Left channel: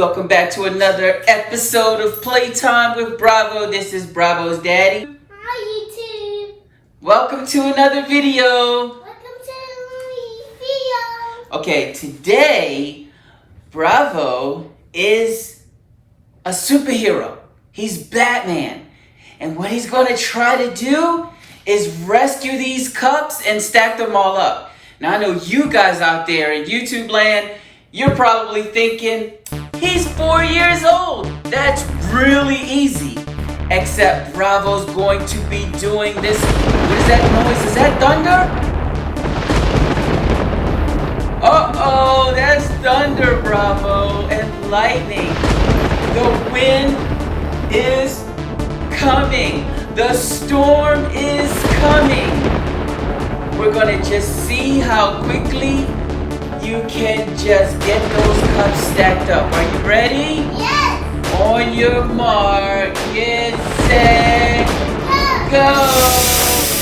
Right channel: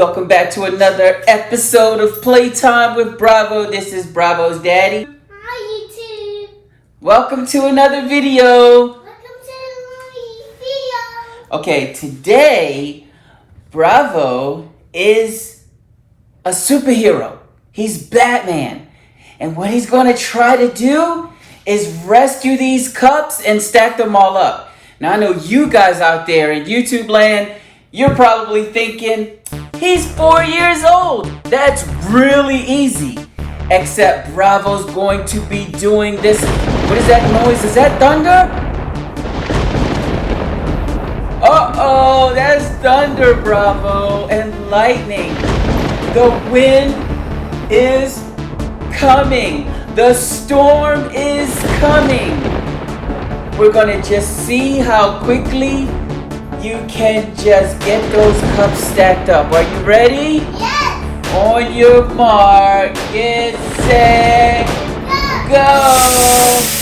Welcome back to another episode of Playtime with Bravo. This is Bravo's daddy. Hi YouTube. Welcome to another video. Welcome to my video. Okay, today Bravo is a superhero. He's Batman. And what he's going to try to do is rescue these cups and stack them all up. Now I know you guys out there in YouTube land, you're probably thinking, he's 4 years old. That's really easy. Except Bravo's going to be doing this. What is that noise? Is that thunder? Uh-oh, that's thunder, Bravo, and lightning. The wind is coming. The storm is coming. We're gonna just see how quickly you can just get those cups stacked up. Are you ready? Yes. On your mark, get set, go.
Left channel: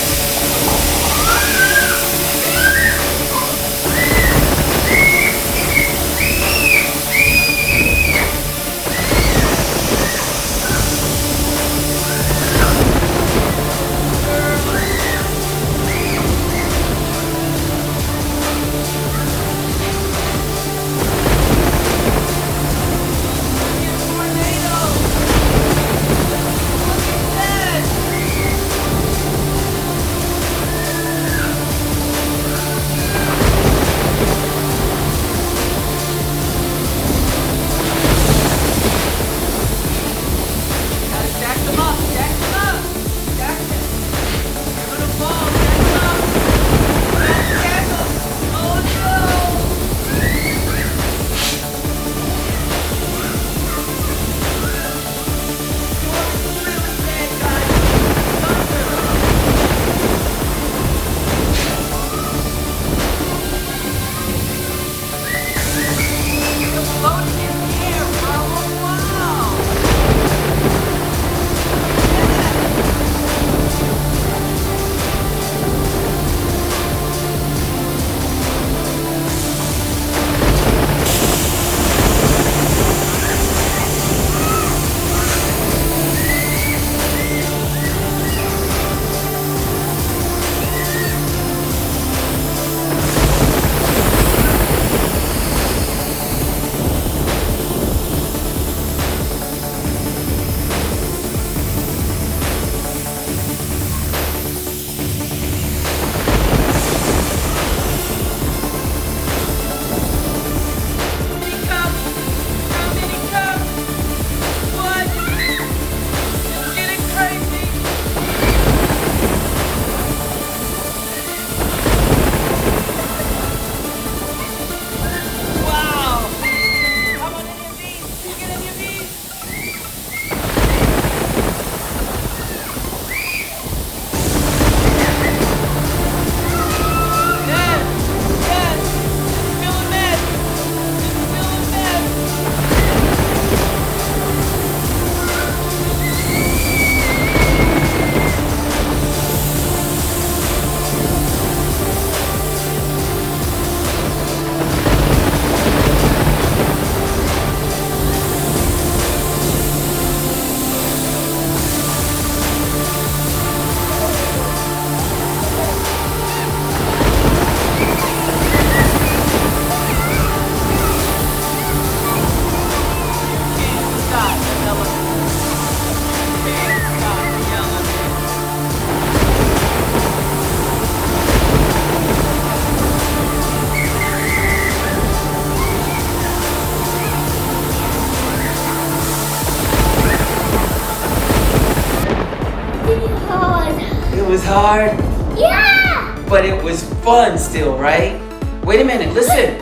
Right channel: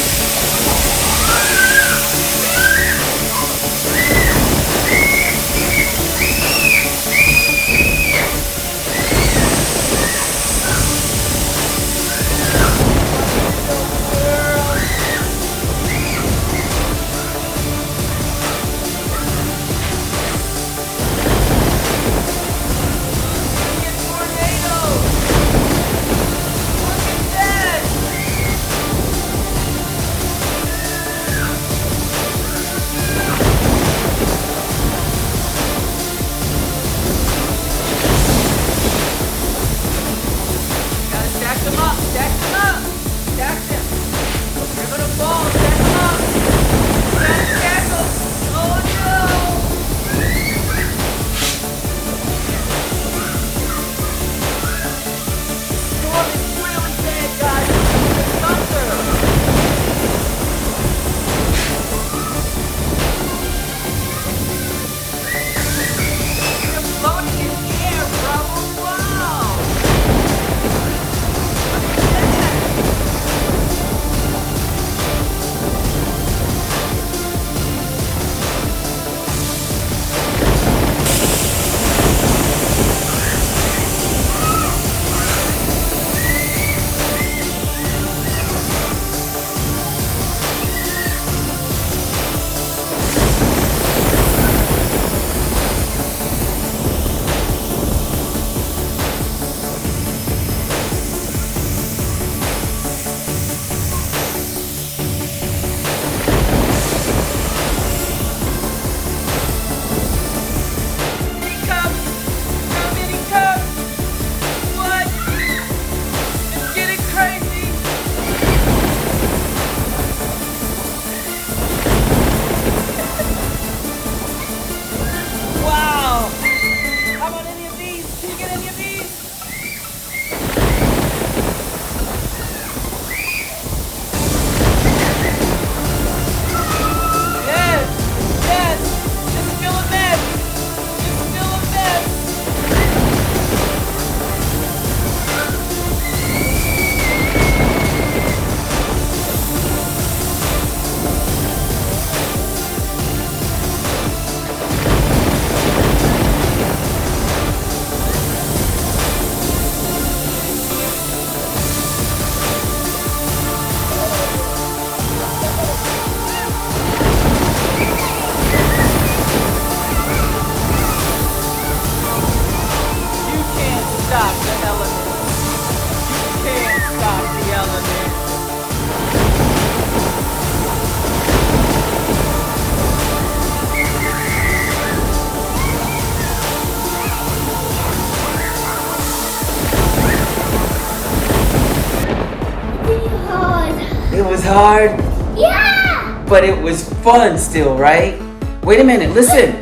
Hard, Yeah. but it was fun still, right? Wait a minute, listen.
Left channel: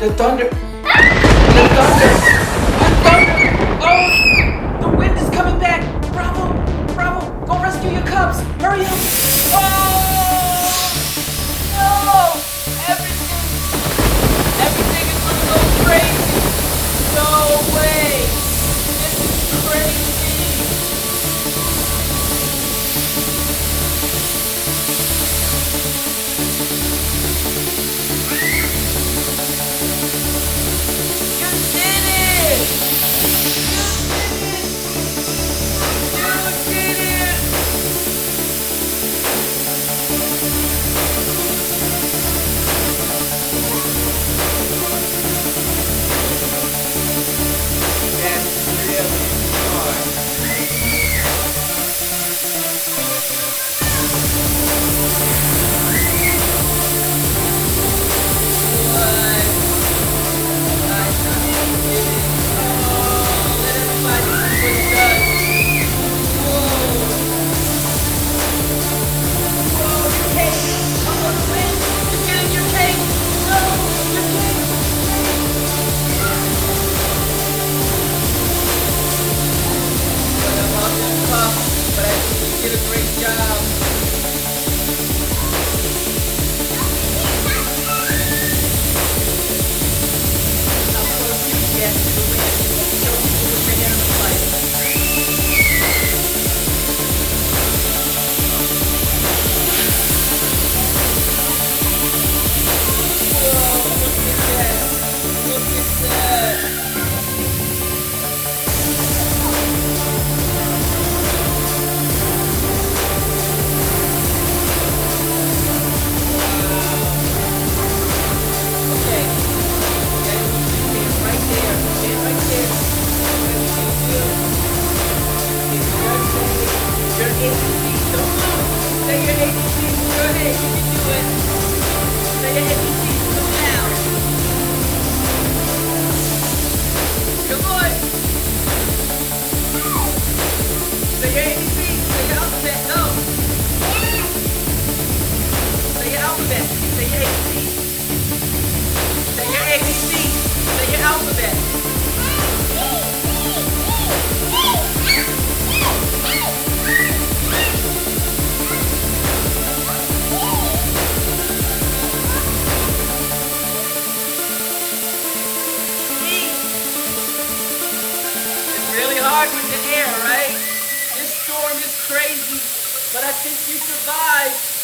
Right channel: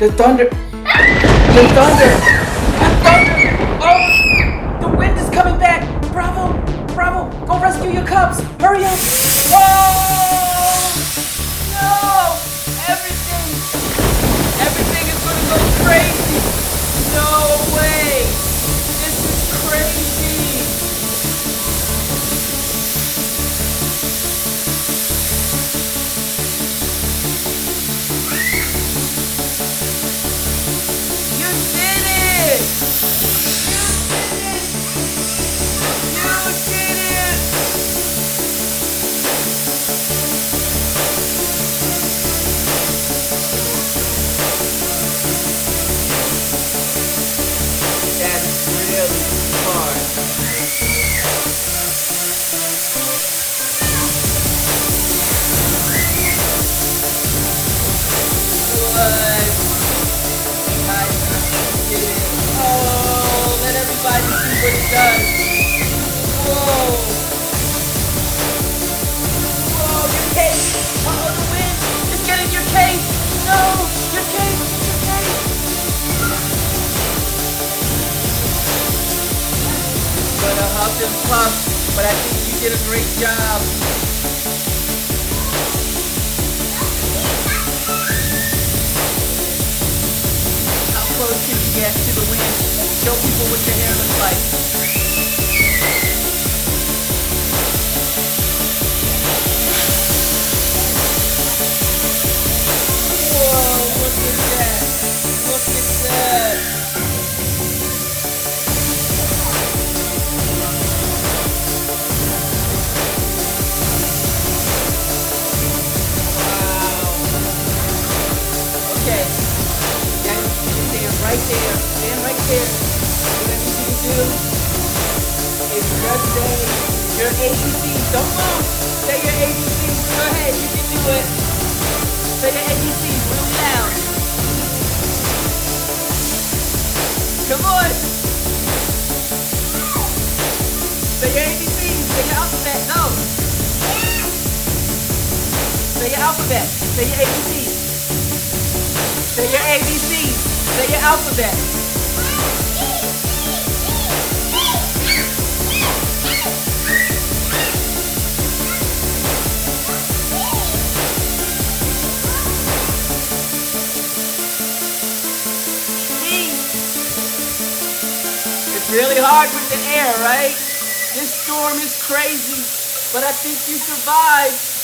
The thunder. The thunder. The thunder. Oh, the wind is coming back. Bravo, Bravo, go rescue your cubs. Hurry up. Oh, no. Everything is going to go crazy. No way. This is crazy. You did it! alphabet. Say your ABCs. Say your ABCs. Say your alphabet. It's really hard with the air, right? This storm is crazy, but I think you survived.